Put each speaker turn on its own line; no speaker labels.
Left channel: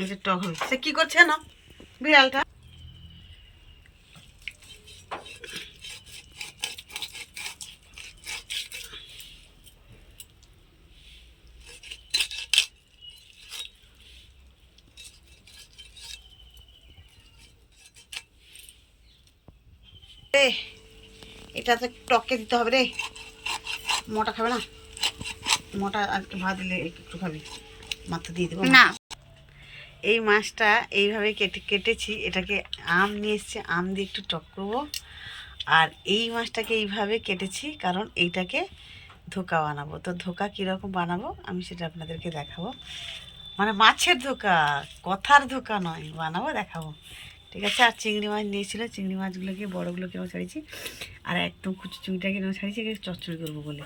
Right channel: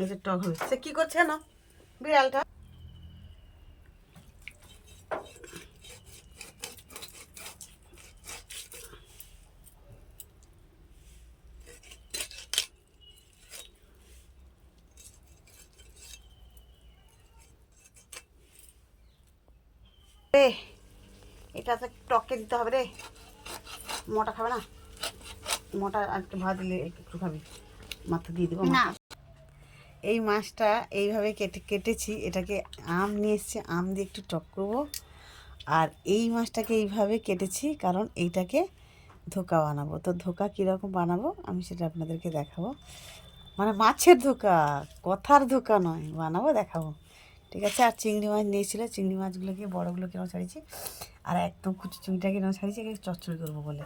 এই যে টক সে কি করছে না বিড়ালটা। এটা তো টকে দিতে হবে রে। মোটা খাবে না? মোটা আজকে ভাত দিলে একটু খাবে। মাথা দিয়ে দেবো।
না।
এই মাছটা এইভাবে কেটে, কেটেছি। এটাকে আম নিয়ে এসছে। আম দিয়ে একটু টক করব। আর এই মাছটাকে এইভাবে কেটেছি কারণ এইটাকে ধোকা বানাবো। তো ধোকা কীরকম বানাবো আমি সেটা আপনাদেরকে দেখাবো। মানে মাছের ধোকা, কথার ধোকা নয়। বানাবো, দেখাবো। ঠিক আছে? আর চিংড়ি মাছ নিয়েছিল। চিংড়ি মাছগুলোকে, বড়োগুলোকে নেওয়া ছাড়িয়েছি। আর একদম কুচু চিংড়িটাকে নেওয়া ছাড়িয়েছি চচ্চড়ি করব বলে।